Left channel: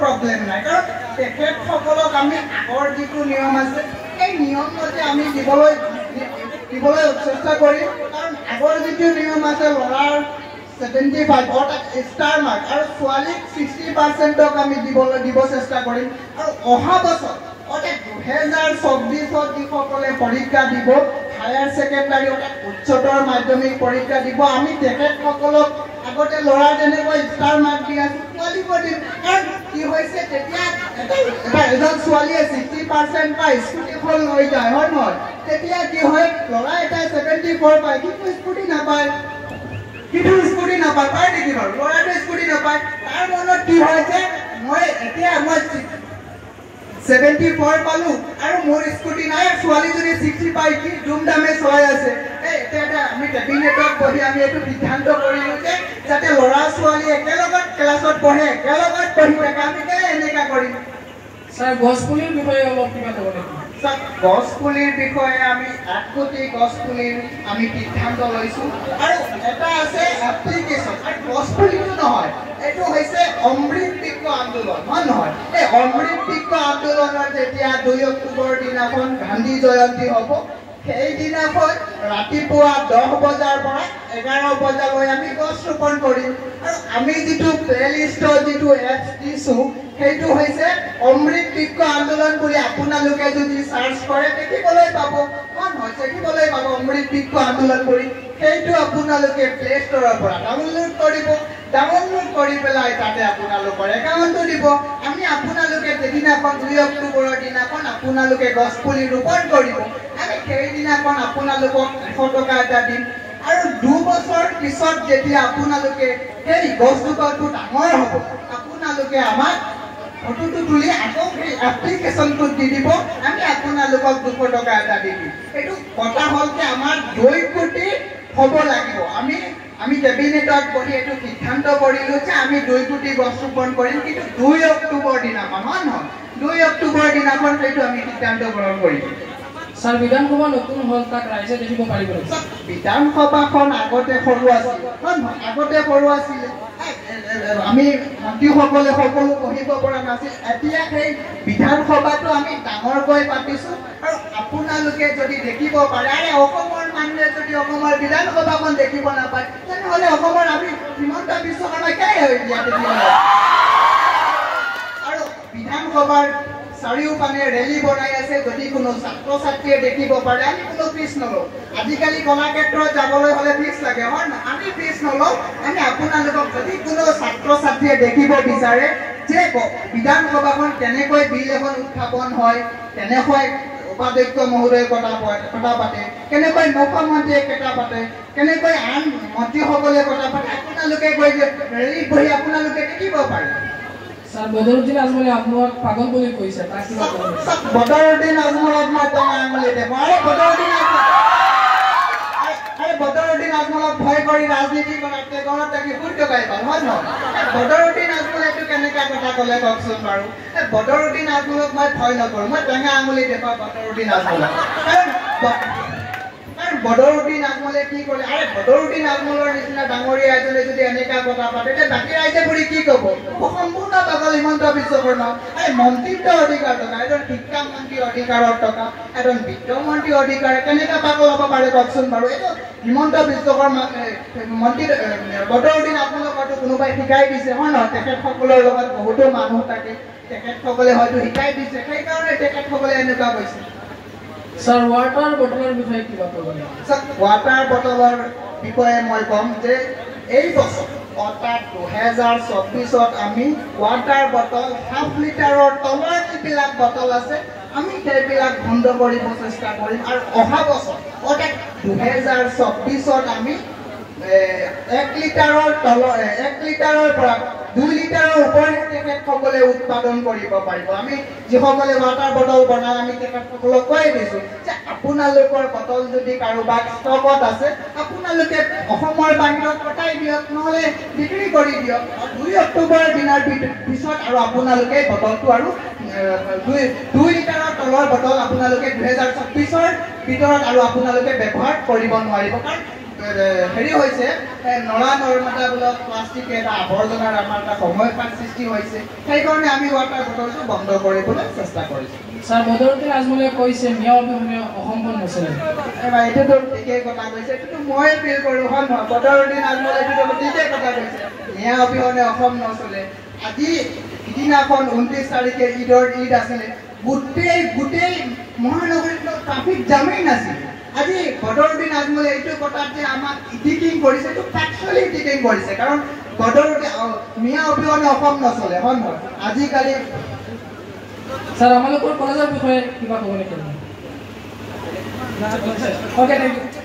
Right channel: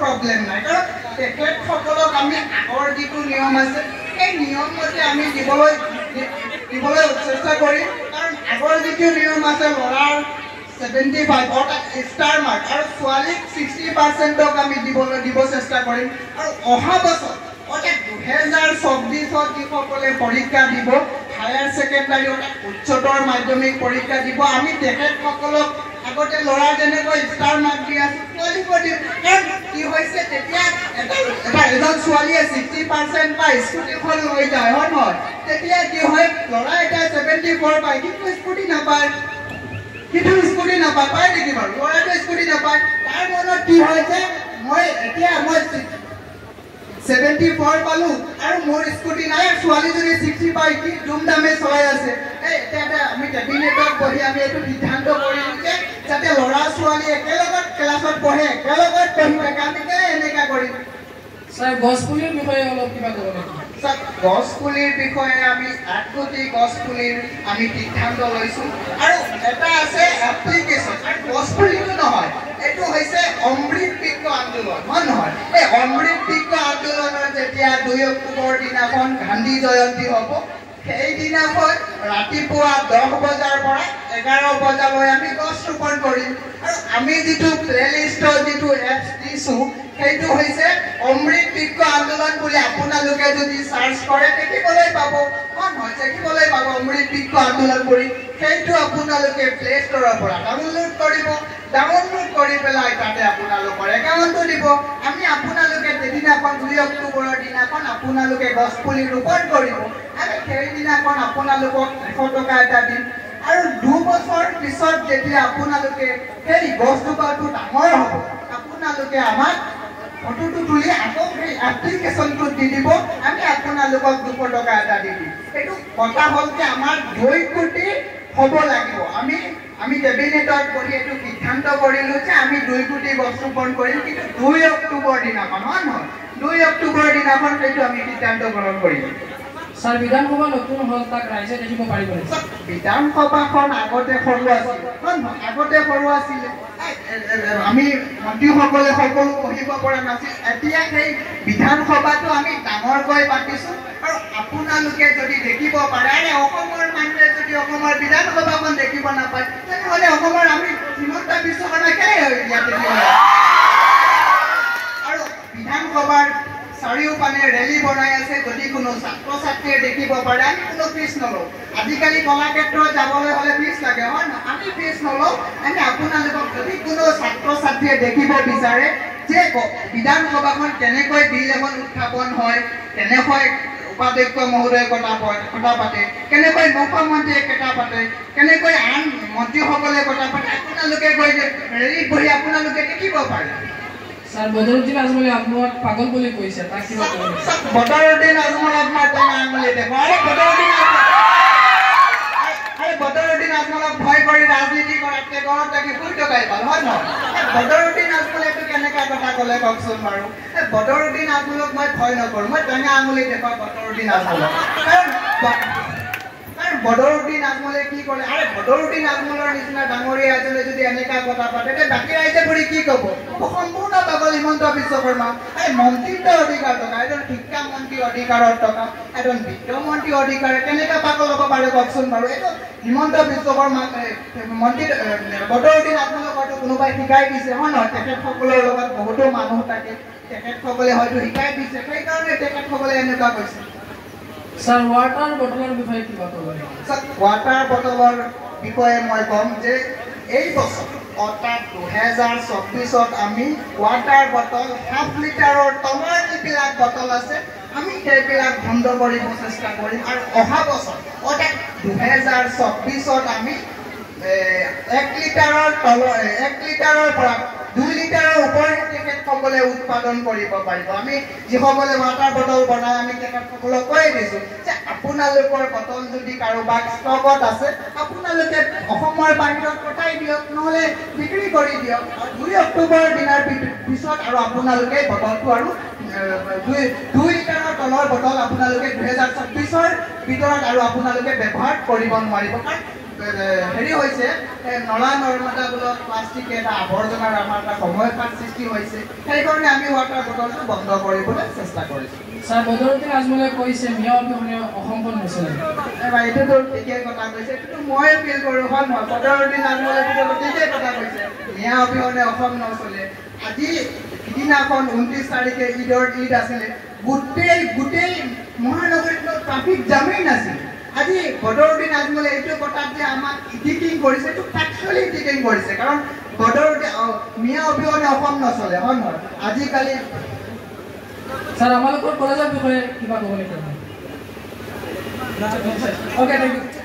Problem নাই কাৰণ তেখেতসকলক আমি আগৰ যিটো নিয়ম আছে সেই নিয়ম মতে আমি দিবলৈ চেষ্টা কৰিম কাৰণ আগৰ যিটো নিয়ম আছে ল'ৰাৰ 75 অৰ্থাৎ ষ্টাৰ মাৰ্ক আৰু ছোৱালীক 60%ক আমি দিব চেষ্টা কৰিম আৰু অহা বছৰ অৰ্থাৎ 2024 যিসকলে পৰীক্ষা দিব হায়াৰ ছেকেণ্ডাৰী অৰ্থাৎ উচ্চতৰ মাধ্যমিক পৰীক্ষা দিব আমি তেখেতসকলক আগতে ল'ৰা যেনেকৈ ষ্টাৰ মাৰ্ক দি আছোঁ ছোৱালীকো দিম কাৰণ কি হৈছে তেতিয়া এজন ছোৱালীয়ে 60% পায় স্কুটিখন লৈ যায় হয় নহয় তেতিয়া কি হয় ল'ৰা এটা 74 পায় কিন্তু স্কুটি নাপায় পায় নেকি বাৰু ল'ৰাটো স্কুটি নাপায় তাৰ মনত কি হয় যে মই 74 পালো আৰু মোৰ স্কুটি নাই ছোৱালী যদি 60 পায় কি ধুমধামে চলাই আছে এটা আমি কেবিনেটত বহি আমি এইটো সিদ্ধান্ত কৰিলো যে যাতে ল'ৰা ছোৱালী একেলগত ক্লাছত পঢ়ে একেলগত পঢ়ি থাকে আমি এনেকা কৰিম স্যাৰ গছপুলিৰ বিষয়ে অলপ কিবা ক'ব নেকি গছপুলিৰ বিষয়ে আমি আগতে গছপুলিৰ আমি সিদ্ধান্ত লৈছো আৰু এটা আছে এপ্লিকেশ্যন আৰু গছপুলিটো নহয় এইটো হৈছে অমৃত বৃক্ষ আন্দোলন হয় নহয় এই অমৃত বৃক্ষ আন্দোলনৰ যেতিয়া 2 অক্টোবৰ দিনাখন গান্ধী জয়ন্তী হ'ব সেই দিনাখন ৰাতিপুৱা 10 বজাৰ পৰা 11 বজালৈ আমি গছ ৰোপণ কৰিম আৰু আমি যিটো প্লেলিষ্টৰ যিটো এপছ দিছো সেইটো হৈছে অমৃত বৃক্ষ আন্দোলন বুলি আপোনালোকে যদি সাৰ্চ কৰে দেখিবলৈ পাব দেখিবলৈ পাব অমৃত বৃক্ষ আন্দোলন কৰি সেইটো আপোনালোকে প্লে ষ্টৰৰ পৰা ডাউনলোড কৰি পেলাই তাতে আপোনালোকৰ একাউণ্টটো দিব আমি আপোনালোকে যেদিনাখন 2 অক্টোবৰৰ দিনাখন আপোনালোকে গছ পুলি ৰোপণ কৰিব আমি সেই দিনাখন আপোনালোকক 100 টকা এটা দিম আৰু 2 বছৰ পিছত যেতিয়া আপোনালোকে সেই গছজোপাটো ডাঙৰ হ'ব আপোনালোকে আমাক ফটোটো তুলি আকৌ সেই এপ্লিকেশ্যনটো দি দিব আমি আপোনালোকক 200 টকা এটা দি দিম এইটো কথা হ'ল যে আমাৰ 2 কোটি হ'ব লাগিব আমি কেবিনেটত বহি এইটো সিদ্ধান্ত কৰিলো যে আমি 2 কোটি গছ ৰোপণ কৰিম কিন্তু 2 অক্টোবৰ দিনাখন হয় নহয় 2 অক্টোবৰ দিনাখন সেইটো আমি সিদ্ধান্ত গ্ৰহণ কৰিম স্যাৰ বিধানসভা নতুন হল তাক ৰাইজে দেখিব পাৰিব বিধানসভাখন আগতে সৰু আছিল আমি মন্ত্ৰীসকলে সকলো পঢ়িব পৰা নাছিল এতিয়া সেই বিধানসভাটো আমি ডাঙৰকৈ পাতিছো আৰু আপোনালোকে যদি দেখিব পাৰে অসমৰ মানুহে যদি অসমৰ বিধানসভাখন দেখিব নাপায় তেনেহ'লে অসমৰ আমি হিমন্ত বিশ্ব শৰ্মা কেনে হৈ ইয়াতে আৰু বিধানসভাৰ চাৰিওপানে ৰেলী বনাই আছে যদি কোনো ছাত্ৰ ছাত্ৰীয়ে দেখিব পাৰে আমি কোনো ফিজ নলওঁ আজিকালি কলাক্ষেত্ৰত যাবলৈ হ'লে ফিজ লাগে হয় না আমি ফিজ নলওঁ আমি আপোনালোকক যদি কোনো ছাত্ৰ ছাত্ৰীয়ে দেখিব বিচাৰে যে বিধানসভাখন কেনেকৈ বিল এখন উত্থাপন হয় কেনেকৈ উপাধ্যক্ষ মহোদয়ে কথা পাতে কেনেকৈ মুখ্যমন্ত্ৰীয়ে কথা পাতে কেনেকৈ আন মন্ত্ৰীসকলে কথা পাতে আপোনালোকে গৈ ৰেলীত বহি আপোনালোকে দেখিব পাৰে স্যার বদরুদ্দিন আজমলে আপনার পাগল বলে কইছে তা কি বলবো বদরুদ্দিন আজমল আপনার টানা আঙুলে দেখো বদরুদ্দিন আজমলক ভয় কৰি ৰাজনীতি কৰাতকে ঘৰত থাকি ফুৰি টকাই পাল হয় নহয় বদৰুদ্দিন আজমলে এইটো কেনেকা কথা ক'লে কওকচোন বাৰু বদৰুদ্দিন আজমলক মই ভয় নকৰোঁ মই টেঙা আঙুলি দেখুৱাওঁ বদৰুদ্দিন আজমলক কাৰণ বদৰুদ্দিন আজমলে কি কৰে বদৰুদ্দিন আজমলৰ নিচিনা ডাঙৰীয়া এজনে যদি এনেকা কথা পাতে তে বাকী ৰাইজে ঘূৰি কি ক'ব সম্পূৰ্ণ পাগল হিমন্ত বিশ্ব শৰ্মা মন্ত্ৰীত্ব অধিকাৰ টকা এজন শিক্ষা মন্ত্ৰী অধিকাৰৰ টকা এজন বিত্তমন্ত্ৰী অধিকাৰে কেনেকা পাগল হ'ব পাৰে কওকচোন বাৰু এইটো হিমন্ত বিশ্ব শৰ্মা মন্ত্ৰী বদৰুদ্দিন আজমলক হয়তো কোনোবাই শিকাই দিছে হয় নহয় তেখেতসকলৰ লগত বহুতো মানুহ থাকে তেখেতসকলে হয়তো শিকাই দিছে সেইকাৰণে তেখেতসকলে এনেকুৱা কৈছে স্যার ওয়াটার বটলের বিষয়ে কি কথা বলবেন স্যার ওয়াটার বটলের বিষয়ে মই কম যে এই বছর অর্থাৎ 2024 আমি ওয়াটার বটল হাফ লিটাৰৰ তলৰ যিবিলাক বটল আছে আমি সেইবিলাক বন্ধ কৰিব চেষ্টা কৰিম আৰু অহা বছৰ অৰ্থাৎ 2024 আমি 1 লিটাৰৰ পৰা 2 লিটাৰৰ ওপৰত তেখেতসকলে উৎপাদন কৰিব পাৰিব আমি যিসকলে ওয়াটাৰ বটল বনাই আমি তেখেতসকলক কৈ দিছোঁ যে আপোনালোকৰ বটল যদি কাৰোবাৰ ষ্টকত আছে আপোনালোকে অসমৰ বাহিৰত পঠাই দিয়ক নহ'লে বিক্ৰী কৰি দিয়ক 2 অক্টোবৰ দিনাৰ পিছত আৰু আপোনালোকে বটলটো আৰু 2 লিটাৰৰ তলৰ বটল আপোনালোকে 2024 ভিতৰত আৰু আপোনালোকে ব্যৱহাৰ কৰিব নোৱাৰিব কাৰণ হেৰি হৈছে নলা নৰ্দমাবোৰত প্লাষ্টিক এটা আৱৰ্জনাৰ আমাৰ এটা সময়পাত সৃষ্টি হৈছে সেইকাৰণে আমি ৱাটাৰ বটলটো বন্ধ কৰিবলৈ চেষ্টা কৰিছোঁ স্যাৰ বদৰুদ্দিন আজমলে কৈছে মিয়া অবিহনে অসমখন নচলে এবাৰ এইটোতো ঠিকেই কথা কৈছে কিন্তু মই ফিল কৰোঁ হয় নহয় বদৰুদ্দিন আজমলে এইটো ঠিকেই কথা কৈছে মিয়া অবিহনে অসম নচলে আজি সিদিনাখন 29 তাৰিখে ঈদ আছিলে গোটেই মহানগৰীত ট্ৰাফিক জামেই নাছিল আজি বদৰুদ্দিন আজমলে এইটো কথাত যে আমাক ইডিটিং কৰিছে এইটো ফেক্চুৱেলি ইডিটিং কৰিছে কাৰণ বদৰুদ্দিন মিয়া অবিহনে অসম নচলে হয় নহয় আজিকালি স্যাৰ আমালোকৰ কলেজৰ বিষয়ে কিবা ক'ব নেকি? Okay thank U